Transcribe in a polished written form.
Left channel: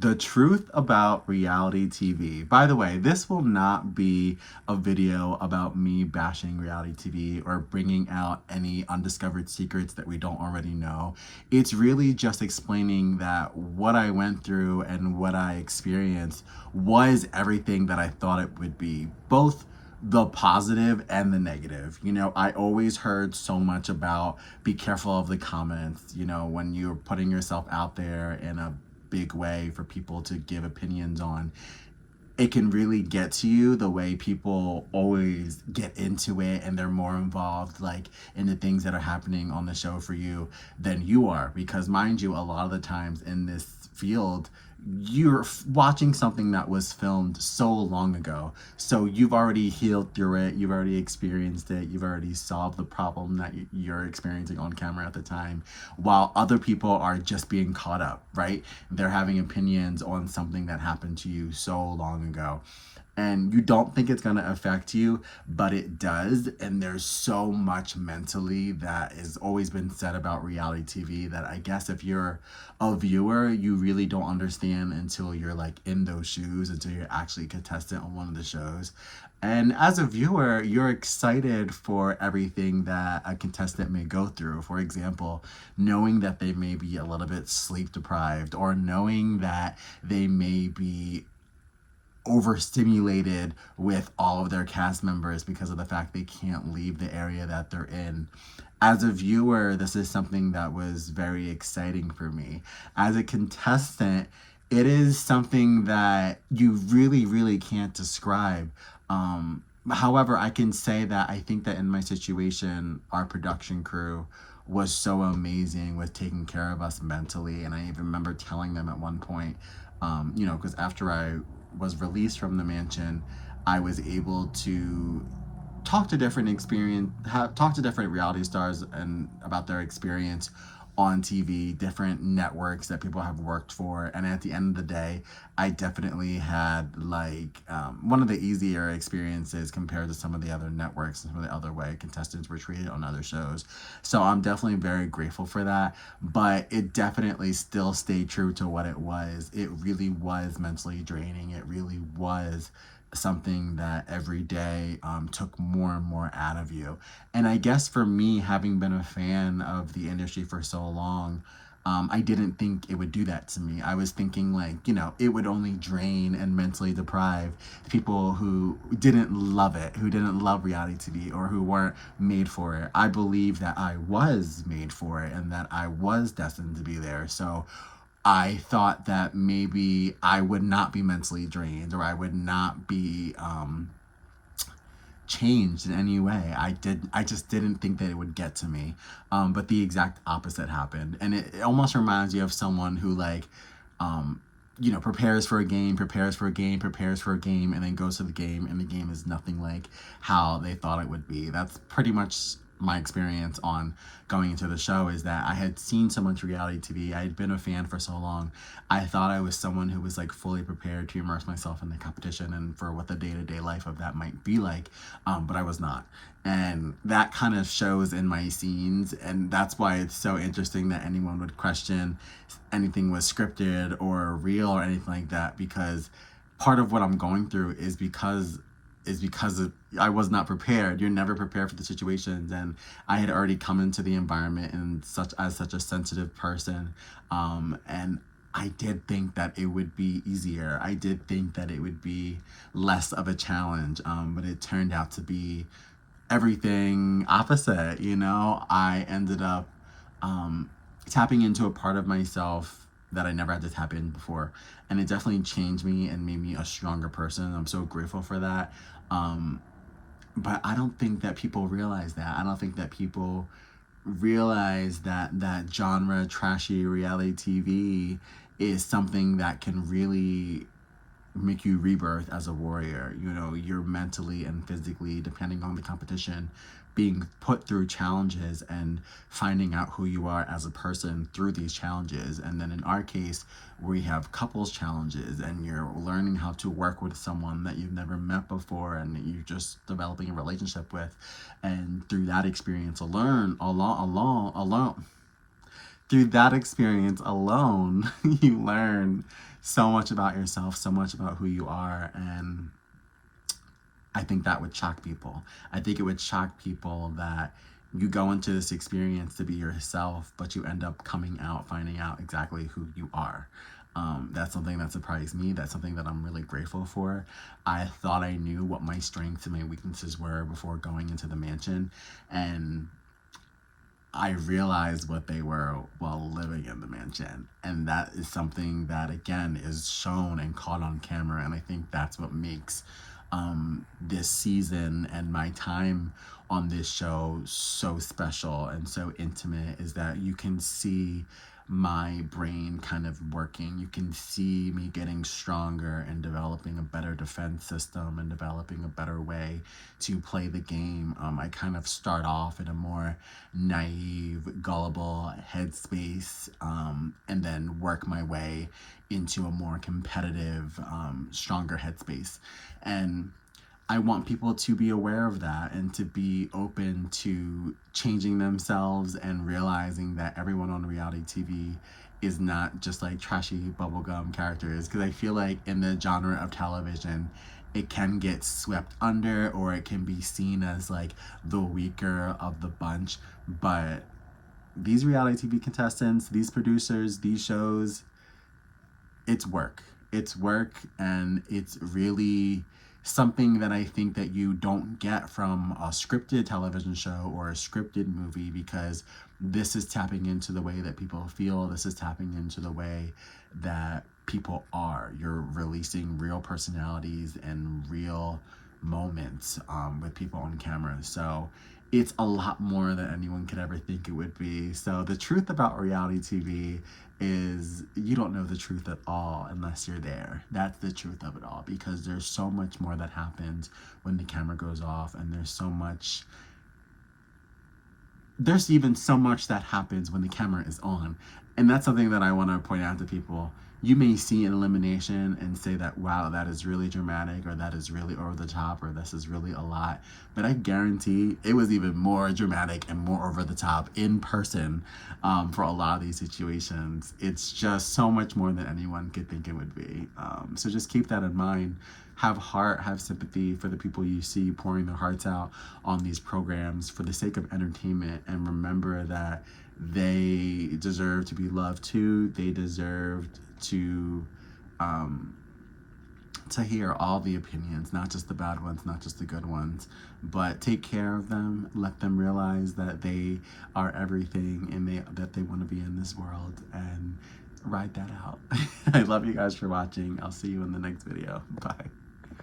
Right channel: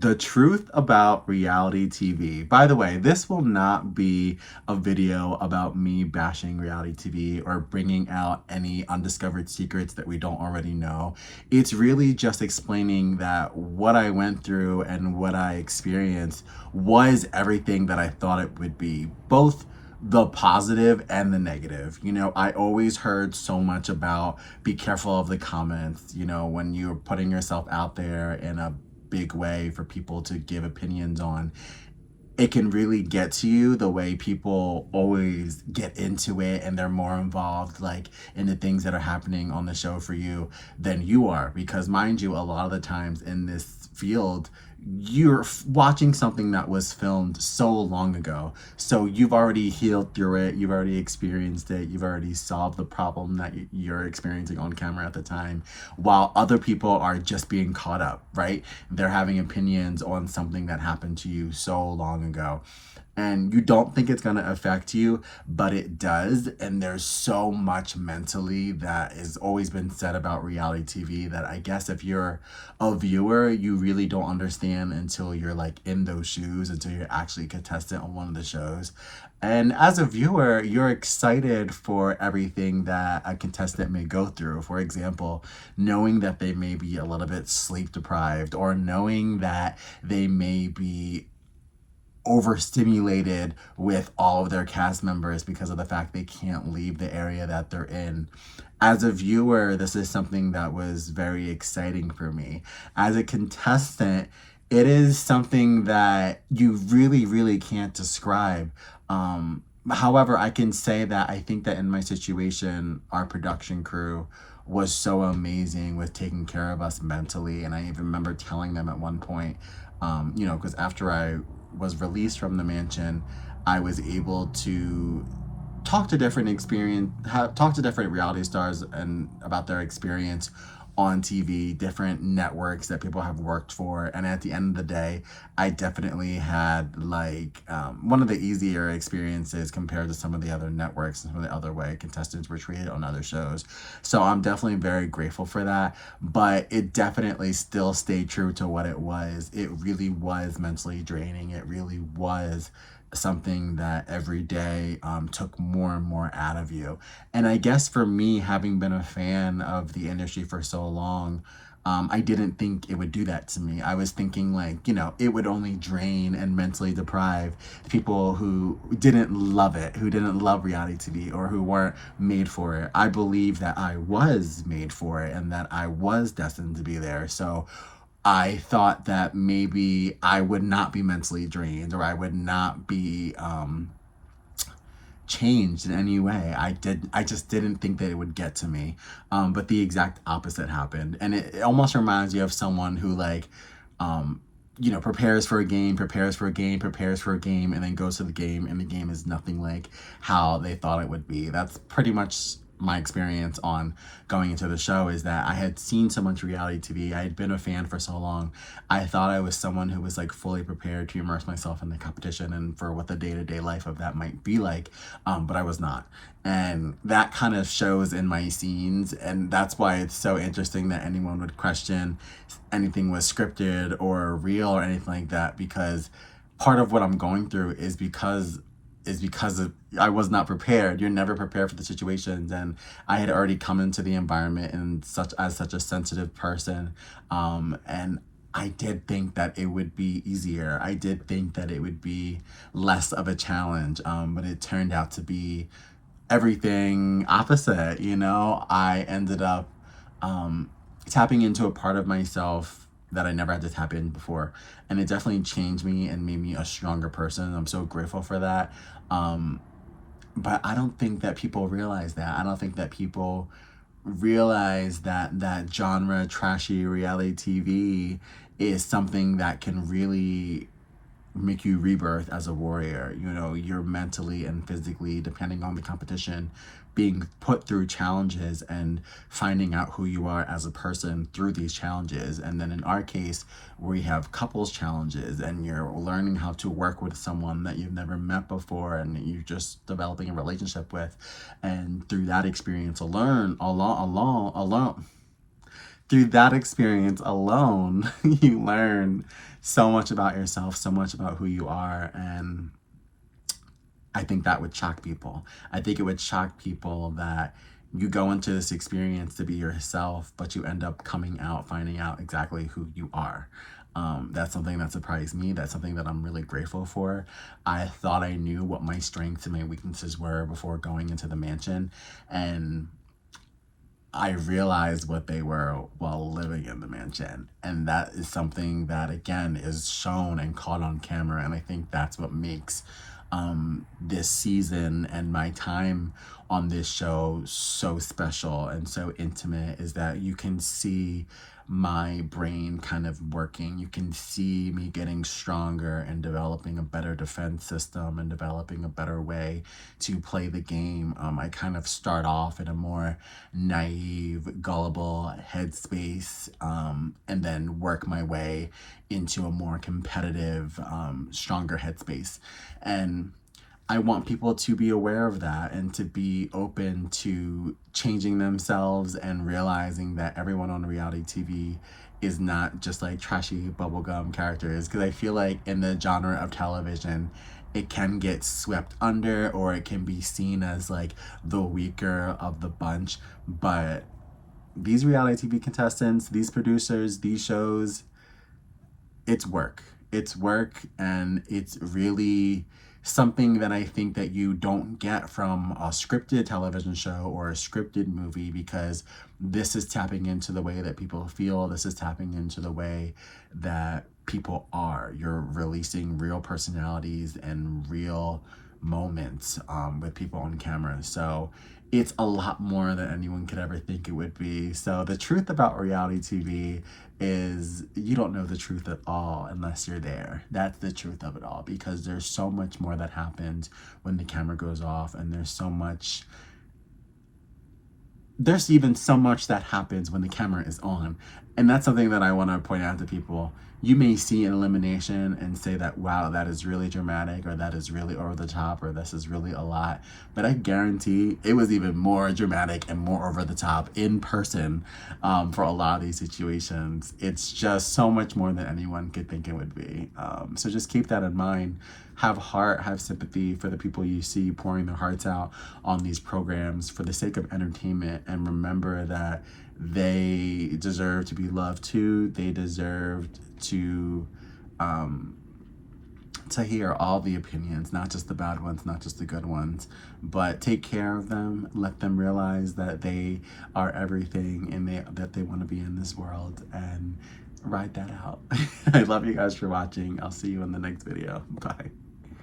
The truth about reality TV. By the way, this will not be a video about me bashing reality TV or bringing out any undiscovered secrets that we don't already know. It's really just explaining that what I went through and what I experienced was everything that I thought it would be, both the positive and the negative. I always heard so much about be careful of the comments, when you're putting yourself out there in a big way for people to give opinions on. It can really get to you the way people always get into it and they're more involved like in the things that are happening on the show for you than you are, because mind you, a lot of the times in this field you're watching something that was filmed so long ago, so you've already healed through it, you've already experienced it, you've already solved the problem that you're experiencing on camera at the time, while other people are just being caught up, right? They're having opinions on something that happened to you so long ago, and you don't think it's going to affect you, but it does. And there's so much mentally that has always been said about reality TV that I guess if you're a viewer, you really don't understand until you're like in those shoes, until you're actually a contestant on one of the shows. And as a viewer, you're excited for everything that a contestant may go through. For example, knowing that they may be a little bit sleep deprived, or knowing that they may be overstimulated with all of their cast members because of the fact they can't leave the area that they're in. As a viewer, this is something that was very exciting for me. As a contestant, it is something that you really, really can't describe. However, I can say that I think that in my situation, our production crew was so amazing with taking care of us mentally. And I even remember telling them at one point, because after I was released from the mansion, I was able to talk to different reality stars and about their experience on TV, different networks that people have worked for. And at the end of the day, I definitely had one of the easier experiences compared to some of the other networks and some of the other way contestants were treated on other shows. So I'm definitely very grateful for that. But it definitely still stayed true to what it was. It really was mentally draining. It really was something that every day took more and more out of you. And I guess for me, having been a fan of the industry for so long, I didn't think it would do that to me. I was thinking it would only drain and mentally deprive people who didn't love it, who didn't love reality TV, or who weren't made for it. I believe that I was made for it and that I was destined to be there. So I thought that maybe I would not be mentally drained, or I would not be changed in any way. I just didn't think that it would get to me. But the exact opposite happened. And it almost reminds you of someone who prepares for a game, and then goes to the game, and the game is nothing like how they thought it would be. That's pretty much my experience on going into the show, is that I had seen so much reality TV. I had been a fan for so long. I thought I was someone who was fully prepared to immerse myself in the competition and for what the day-to-day life of that might be like, but I was not. And that kind of shows in my scenes, and that's why it's so interesting that anyone would question anything was scripted or real or anything like that, because part of what I'm going through is because I was not prepared. You're never prepared for the situations, and I had already come into the environment and such a sensitive person, and I did think that it would be easier. I did think that it would be less of a challenge, but it turned out to be everything opposite. I ended up tapping into a part of myself that I never had to tap in before. And it definitely changed me and made me a stronger person. I'm so grateful for that. But I don't think that people realize that. I don't think that people realize that genre trashy reality TV is something that can really make you rebirth as a warrior. You're mentally and physically, depending on the competition, being put through challenges and finding out who you are as a person through these challenges. And then in our case, we have couples challenges, and you're learning how to work with someone that you've never met before and you're just developing a relationship with. And through that experience alone, through that experience alone, you learn so much about yourself, so much about who you are. And I think that would shock people. I think it would shock people that you go into this experience to be yourself, but you end up coming out, finding out exactly who you are. That's something that surprised me. That's something that I'm really grateful for. I thought I knew what my strengths and my weaknesses were before going into the mansion, and I realized what they were while living in the mansion. And that is something that, again, is shown and caught on camera. And I think that's what makes this season and my time on this show so special and so intimate, is that you can see my brain kind of working. You can see me getting stronger and developing a better defense system and developing a better way to play the game. I kind of start off in a more naive, gullible headspace, and then work my way into a more competitive, stronger headspace. And I want people to be aware of that and to be open to changing themselves and realizing that everyone on reality TV is not just like trashy bubblegum characters. Because I feel like in the genre of television, it can get swept under, or it can be seen as like the weaker of the bunch. But these reality TV contestants, these producers, these shows, it's work. It's work, and it's really something that I think that you don't get from a scripted television show or a scripted movie, because this is tapping into the way that people feel. This is tapping into the way that people are. You're releasing real personalities and real moments with people on camera. So it's a lot more than anyone could ever think it would be. So the truth about reality TV is you don't know the truth at all unless you're there. That's the truth of it all, because there's so much more that happens when the camera goes off, and there's even so much that happens when the camera is on. And that's something that I want to point out to people. You may see an elimination and say that, wow, that is really dramatic, or that is really over the top, or this is really a lot. But I guarantee it was even more dramatic and more over the top in person for a lot of these situations. It's just so much more than anyone could think it would be. So just keep that in mind. Have heart, have sympathy for the people you see pouring their hearts out on these programs for the sake of entertainment. And remember that they deserve to be loved too. They deserve to hear all the opinions, not just the bad ones, not just the good ones, but take care of them. Let them realize that they are everything, and that they want to be in this world, and ride that out. I love you guys for watching. I'll see you in the next video. Bye.